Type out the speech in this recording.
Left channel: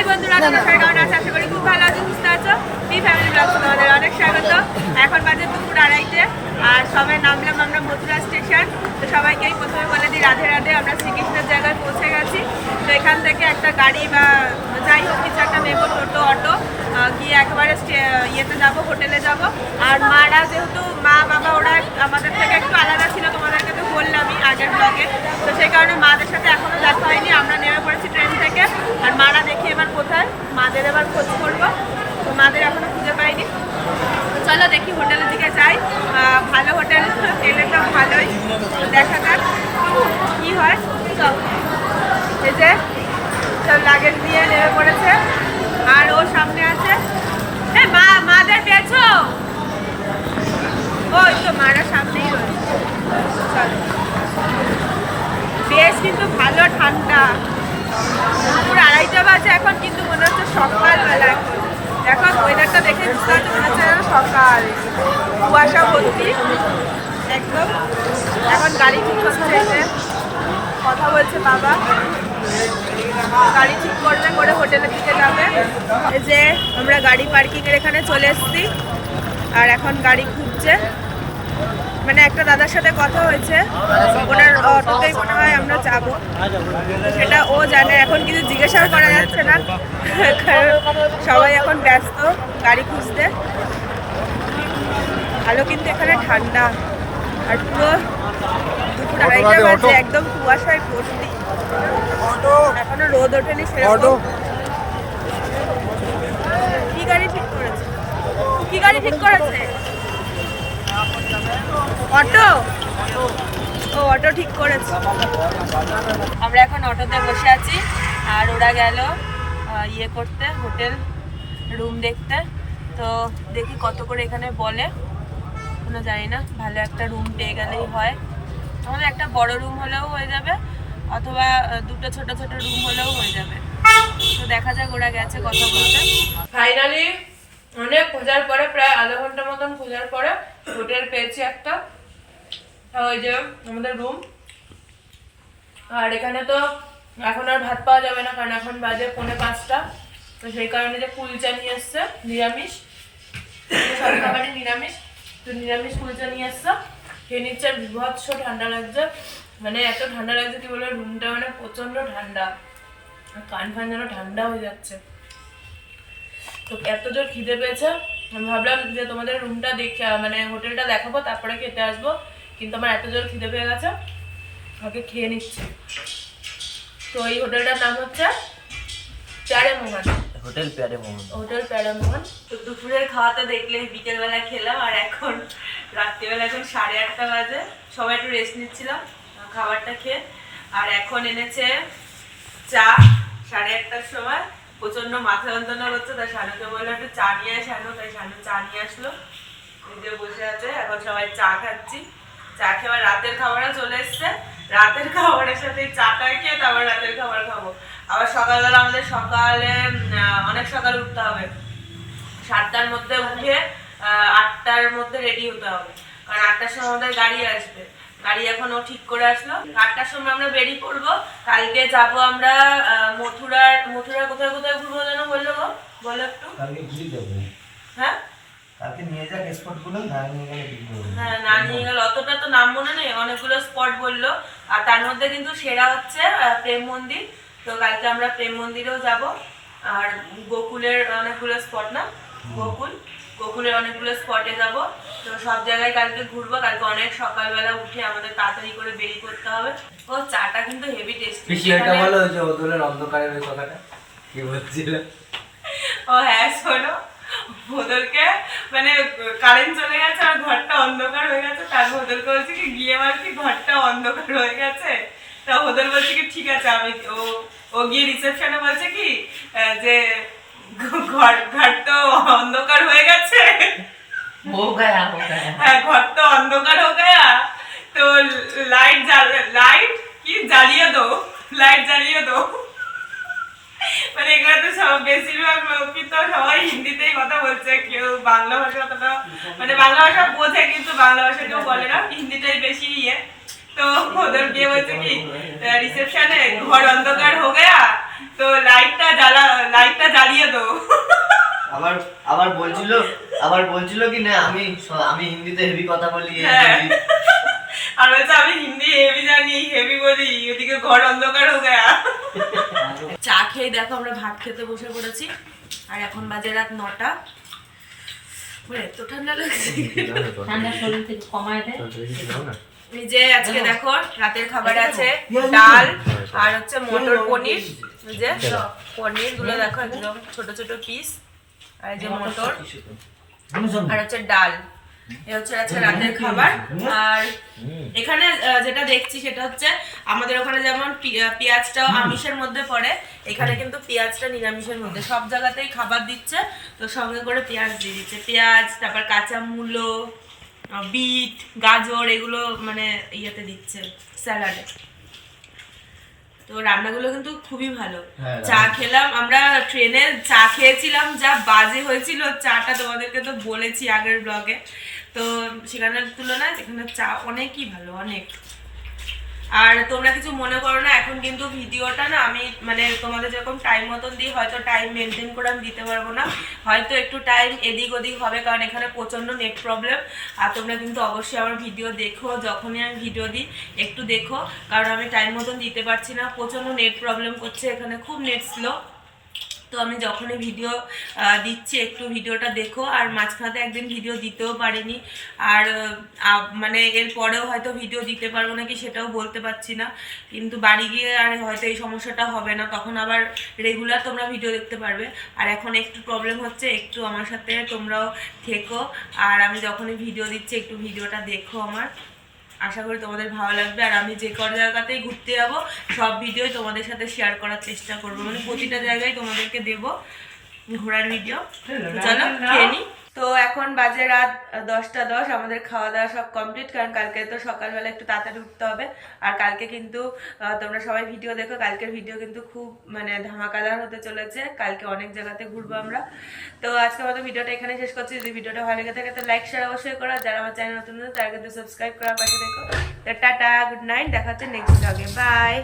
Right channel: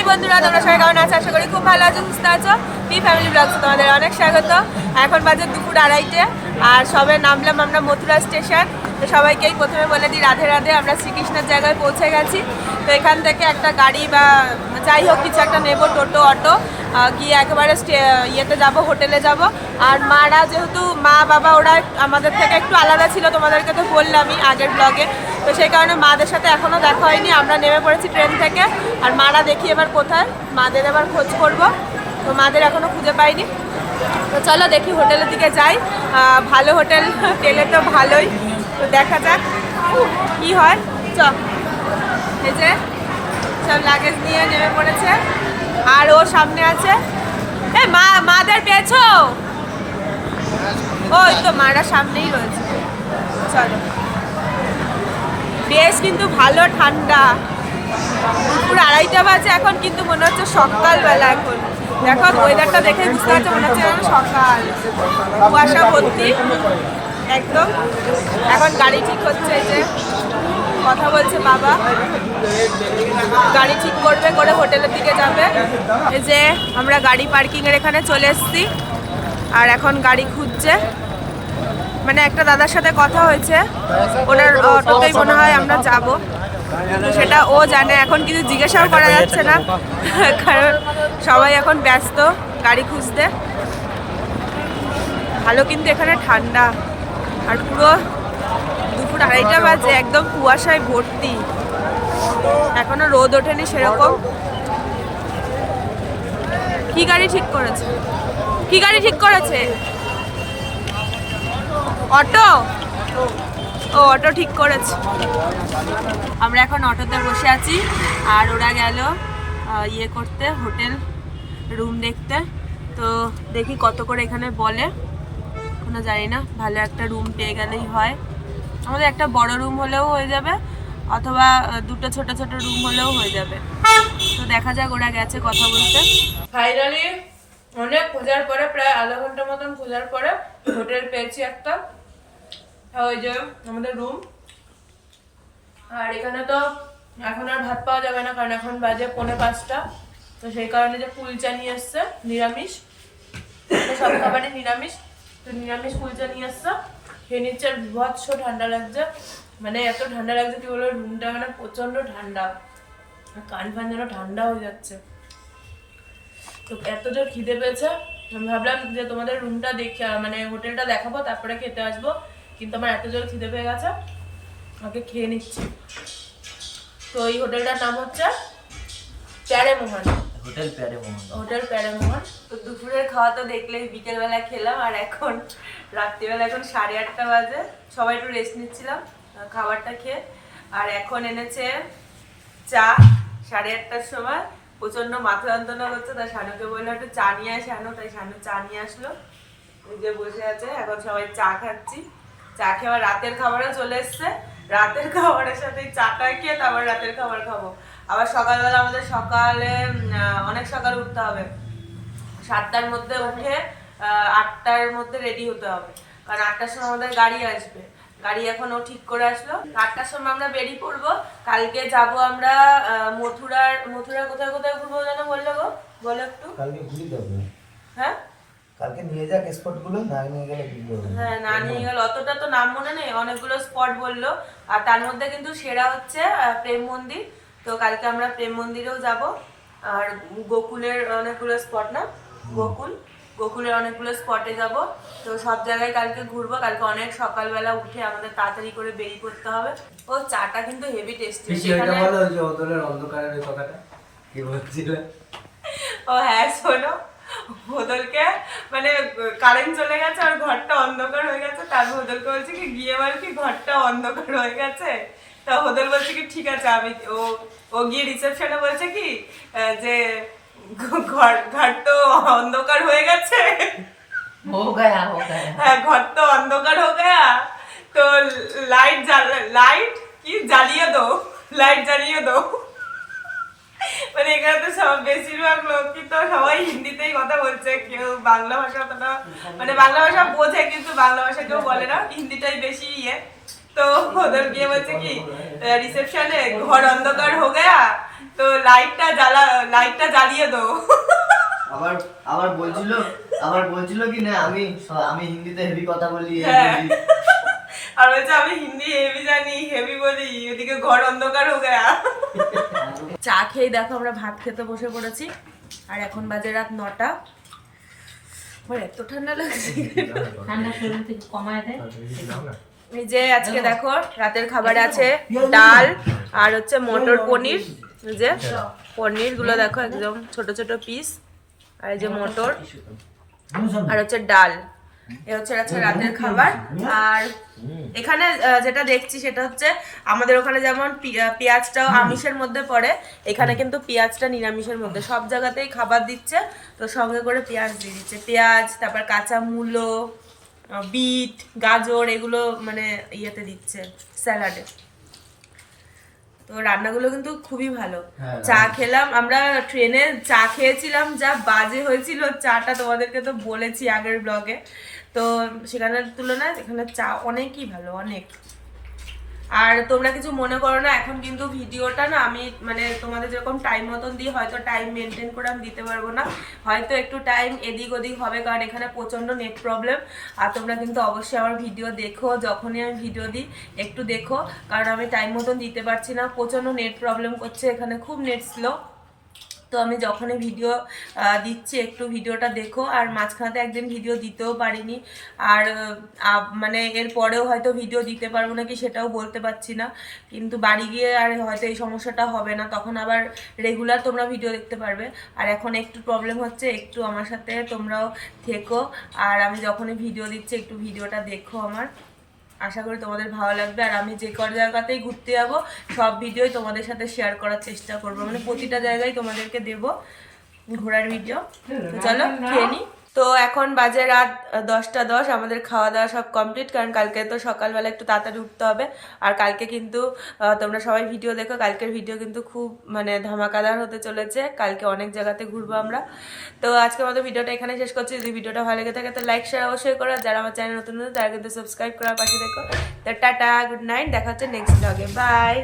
High বন্ধুরা, তোমরা সবাই কেমন আছো? আশা করি খুব ভালো আছো, সুস্থ আছো। পি ফ্যামিলি ব্লগস তোমাদের অনেক স্বাগত। এখন বাজে দুপুর আড়াইটে, আর সবাই নামলাম আমরা মথুরা স্টেশন। তো সবাইকেই প্রথমে বলে দিই, রাধে রাধে, আমরা শ্রীকৃষ্ণের জায়গায় পৌঁছে গেছি। তো এখান থেকে একটা গাড়ি বা যাই হোক, কিছু একটা নেব, টোটো, অটো। গিয়ে একেবারে ইয়েতে যাব, হোটেলে যাব। আর মারা যেহেতু মা, বাবা, ওরা আমাদের থেকে একটু আলাদা ছিল, তোমাদেরকে তো বললামই আগের ব্লগে তো সেই কারণে মাদের সাথে এখনও দেখা হয়নি, আমরা নেমে পড়েছি ট্রেন থেকে। আর মারা দেখি এবার কোথায়, মাদের এবার খোঁজ করব। তো মাদের এখনও খুঁজে পাইনি। তো চলো দেখি হোটেলের দিকে যাই। ভালো হোটেল, গেলে তো ভালোই। তো দেখা যাক কি হয়। চ, এই যে সব লাগেজ নিয়ে নেমে পড়েছে। আর ও সামনে আছে। এই মা, মাদের পেয়েছ ওই তো মারা সামনেই রয়েছে। চলো। বেশ কিন্তু ভালো ঠান্ডা। দুপুর আড়াইটা বাজে এখন, কিন্তু মনে হচ্ছে সকালবেলা এখন। দেখো ওয়েদারটা দেখে বুঝতে হচ্ছে মনে হচ্ছে সকাল। কুয়াশা ভর্তি। একদম। এখন গাড়ি ঠিক হচ্ছে, এই যে। কথা বলছে বাবা। গাড়ি ঠিক করবে, করে হোটেলের দিকে যাবে। যে আমরা গাড়ি পার্কিংয়ের এখানে চলে এসেছি। আর এখন গাড়ি খুঁজছে। মানে একটা দাদার সাথে কথা হয়েছে। ওনার অটোতেই মনে হয় আমরা যাব। তো সেটা ও জানে। এখন কিছু জিজ্ঞাসাও করা যাচ্ছে না। কারণ সবাই এখন ব্যস্ত গাড়ি খুঁজতে। ভালো কিন্তু এখানে ঠান্ডা। আর পুরো দুপুর আড়াইটা বাজে, একদম কুয়াশায় ভর্তি। এখনও রোদ ওঠেনি সেরকম। কি গাড়ি ঠিক করেছে? কি গাড়ি ঠিক করেছে? অটো? ও, অটো ঠিক করেছে। আমরা এখন অটোতে বসে আছি, আর ওরা গেল ইয়ে করতে, হোটেল রুম দেখতে। তো দেখি কত করে এখানে বলে। কোনো জানি না, ভালো একটা রুম পেয়ে গেলেই হয়। আমাদের একটা বড় রুম হলেও হয়ে যাবে। অথবা দুটো ছোট ছোট রুম হলেও হয়ে যাবে। তো দেখা যাক, ওরা গেছে কথা বলতে। ফাইনালি অনেক খোঁজার পরে, প্রায় আধা ঘণ্টা মতন খোঁজার পরে, হোটেল পেয়েছি একটা। ওই যে, আমাদের রুম আর এখানে তো এখন আর ভাত পাওয়া যাবে না, কারণ এখন বাজে পৌনে পাঁচটা। তো সেই কারণে যে কুলচা নিয়ে এসছে, নিরামিষ। সব খাবারই নিরামিষ। তো নিরামিষ কুলচা নিয়ে এসছে। খেয়ে নিচ্ছে আর বিভৎস ঠান্ডা লাগছে। মানে এত ঠান্ডা লাগছে কি বলে রুমটা মানে প্রচণ্ড ঠান্ডা। কান ফান যেন ঠান্ডা হয়ে যাচ্ছে। তো এত জোর খিদে পেয়েছে। আমি ভাবলাম যে তোমাদের রুমটা দেখে মানে হোটেলটা দেখাবো, তারপরে খেতে আসব। কিন্তু আমার এত জোর খিদে পেয়ে গেছে। আগে খেয়ে নিচ্ছি। তো এই হোটেলটার নাম হচ্ছে প্যারে মোহন। হোটেল প্যারে মোহন হোটেল প্যারামোহন তো দুপুরের খাওয়াতে দেখলেই বিকেলবেলা খেলাম, আর এখন রাত্রিবেলা এখন সাড়ে আটটা বাজে। সবাই একটু রেস্ট নিচ্ছিলাম খাবারটা খেয়ে। আর এখন এনেছে চা, সাড়ে আটটার সময়। প্রচণ্ড মাথা যন্ত্রণা করছে, তাই শানুকে বলল একটু চা নিয়ে আয়, শানু। তাই শানু চা নিয়ে আসলো। যে বসে আছে, এখন সবাই চা খাচ্ছি। চা খেয়ে রাতের খাবারও চলে এসছে। রাতের খাবারের সাথে চাটা খেয়ে তারপর রাতের খাবার খাব। আবার সকালবেলা আমাদের সকালে অনেক সকাল উঠতে হবে। সাতটার মধ্যে উঠে আটটার মধ্যে রেডি হতে হবে। কারণ আটটার সময় আমাদের গাড়ি আসবে। গাড়ি এখনও ঠিক করে আসলো। আটটার সময় আমরা বেরিয়ে পড়ব। কালকে যাব আমরা মথুরার মথুরা কোথায় কোথায় ঘুরবো যেন বলল গো? বলো একটু। কালকে ঘুরে যাব। কালকে নিয়ে যাক স্পটগুলো না নিয়ে গেলে কি করব? হ্যাঁ না নিয়ে গেল অতটা তো নাম মনে নেই অনেকগুলো স্পট বলল। আর তার মধ্যে কিন্তু সেরা হচ্ছে প্রেম মন্দির। তো কালকে আমরা প্রেম মন্দিরেও যাব। আর গোকুলের অনেকগুলো স্পট না? গোকুল। গোকুলের অনেকগুলো স্পটে যাব। তো সব জায়গায় কালকে ঘুরবো। কালকে অনেক সকালবেলা উঠে আমাদের তাড়াতাড়ি করে বেরিয়ে করতে হবে। ও চাটা কিন্তু হেভি টেস্টি বিষয়টা বলো ওই যে হোটেলের অন্ধকারের কথাটা। কি বলছিল? ও হ্যাঁ শোনো। ওদেরকে মানে কারেন্ট চলে গেছে আর ঘরটা অন্ধকার হয়ে গেছে তারপর ওদেরকে বলছে কি গিয়ে আর কি ঘরটা অন্ধকার হয়ে গেছে। তা ওদের বলছে কি ঠিক আছে আমি ও ও গিয়ে রিসেপশনে বলছে কি যে ঘর ঘর তো অন্ধকার হয়ে গেছে। হো গয়া হো গয়া। হ্যাঁ ঘর তো অন্ধকার হয়ে গয়া। তো লাইট লাইট কি? জ্বালিয়ে দাও। লাইট জ্বালিয়ে দাও। মানে এখানে তো সব বেশিরভাগ সবাই হিন্দিতেই কথা বলছে কেউ বাংলা ভাষা অতটা মানে বাংলা ভাষা বোঝে কিন্তু বাংলা ভাষা কেউ বলে না হিন্দিটাই বেশি ইয়ে তো ওদের গিয়ে বলছে কি রিসেপশনে ঘর অন্ধকার হো গয়া তো লাইটটা জ্বালা লাইটটা জ্বালিয়ে দাও আবার আবার বলছিল আবার বলছিল কি না আমি আমি হিন্দিতে হেভি কথা বলি হ্যাঁ। বলি। আর বলছে আমি হিন্দি হেভি জানি হেভি বলি ওদিকে ঘর অন্ধকার হয়ে গয়া। চা খেয়ে দেখো আমরা ভাত খেতে বসে পড়েছি। আর এখন বাজে রাত নটা। ওরে, এত ঠান্ডা লাগছে। ঠান্ডা শরীর থেকে কমায় দেয়। এই যে আজকে দেখো। রাতের খাবার আছে ডাল আর হচ্ছে মটর পনির। এই যে পনিরগুলো দেখো। একদম ছোট ছোট পিস আর এই যে মটর। আর হচ্ছে ডাল। এ হচ্ছে আজকে রাতের খাবার। আর এখানে যেটা দেখছি সেটা হচ্ছে আমাদের ওখানে যেমন পি- আহ, পেঁয়াজটা আমিষের মধ্যে পড়ে এখানে কিন্তু পেঁয়াজটা নিরামিষের মধ্যে। সব জায়গাতেই খাবার দিচ্ছে তো সঙ্গে করে পেঁয়াজ দিয়ে দিচ্ছে। পেঁয়াজ তারপর কাঁচা মূলো বিট গাজর এগুলো মানে ইয়েতে দিচ্ছে স্যালাডে। তো রান্নাগুলো কিন্তু খুবই ভালো। হ্যাঁ, চা খেলাম আমরা ট্রেনে চা খেয়েছিলাম যা বাজে হয়েছিল চাটা তোমাদেরকে তো বলেছি আগের ব্লগে। তো সেখানের তুলনায় এখানে চা অনেকই ভালো, অনেক। আর তোমরা কিছু মনে করো না, এখন কিন্তু ভিডিওটা না আমি মানে তোমাদের যেরকম টাইম মতন দিই, হয়তো টাইম মেনটেন করে আমি দিতে পারব না। হয়তো একটু টাইম এদিক ওদিক হবে, কারণ এখানে প্রচণ্ড নেট প্রবলেম আর তোমরা কিন্তু অবশ্যই আমার ভিডিও দেখো, যখনই আমি ভিডিও দিই, একটু দেখো। কারণ আমি টাইম মতন দিতে পারছি না, প্রচণ্ড নেট প্রবলেম করছে, এখানে খুব নেট স্লো তো আমি যখনই ভিডিও দিচ্ছি, একটু ভিডিওটা দেখো। আর মাঝখানে একদিন ভিডিও দিতেও পারিনি। আর মানে এর পরেও হয়তো ভিডিও দিতে পারব নাকি সেটাও বলতে পারছি না। কিন্তু বাড়ি গিয়ে আর হয়তো এই সমস্যাটা হবে না। তখন আবার রেগুলার তোমরা ভিডিও দেখতে পারবে। আর এখন একটু প্রবলেম হচ্ছে, একটু আমার সাথে তোমরাও থেকো। আর আমি যখনই ভিডিও দিচ্ছি, একটু ভিডিওটা দেখো আমার। আশা করি তোমাদের ভালো লাগবে। আর আমি যে কর জায়গাতেই ঘুরতে যাব সব ভিডিও তোমাদের সাথে শেয়ার করার চেষ্টা করব। মানে প্রতিটা জায়গায় তোমাদেরকে দেব ঘোরার ভিডিও চলো খেয়ে নিই তো এখন বাজে রাত দশটা দশ, আমাদের খাওয়া দাওয়া সব কমপ্লিট কারণ কালকে তো সকালবেলা একটু তাড়াতাড়ি উঠতে হবে। আর কালকে কিন্তু তোমরা সবাই ভিডিও দেখো, কালকের ভিডিও কিন্তু খুব মানে ধামাকাদার হতে চলেছে। কালকে অনেক জায়গাতে ঘুরবো আমরা। তো আজকে আমাদের ভিডিওটা এখানে শেষ করছি। যদি ভিডিওটা ভালো লেগে থাকে তো লাইক শেয়ার অবশ্যই করো। যারা আমার চ্যানেল নতুন নতুন তারা কিন্তু সাবস্ক্রাইব করার পাশে দেখো টাটা গুড নাইট দেখা হচ্ছে নেক্সট ব্লগে বাই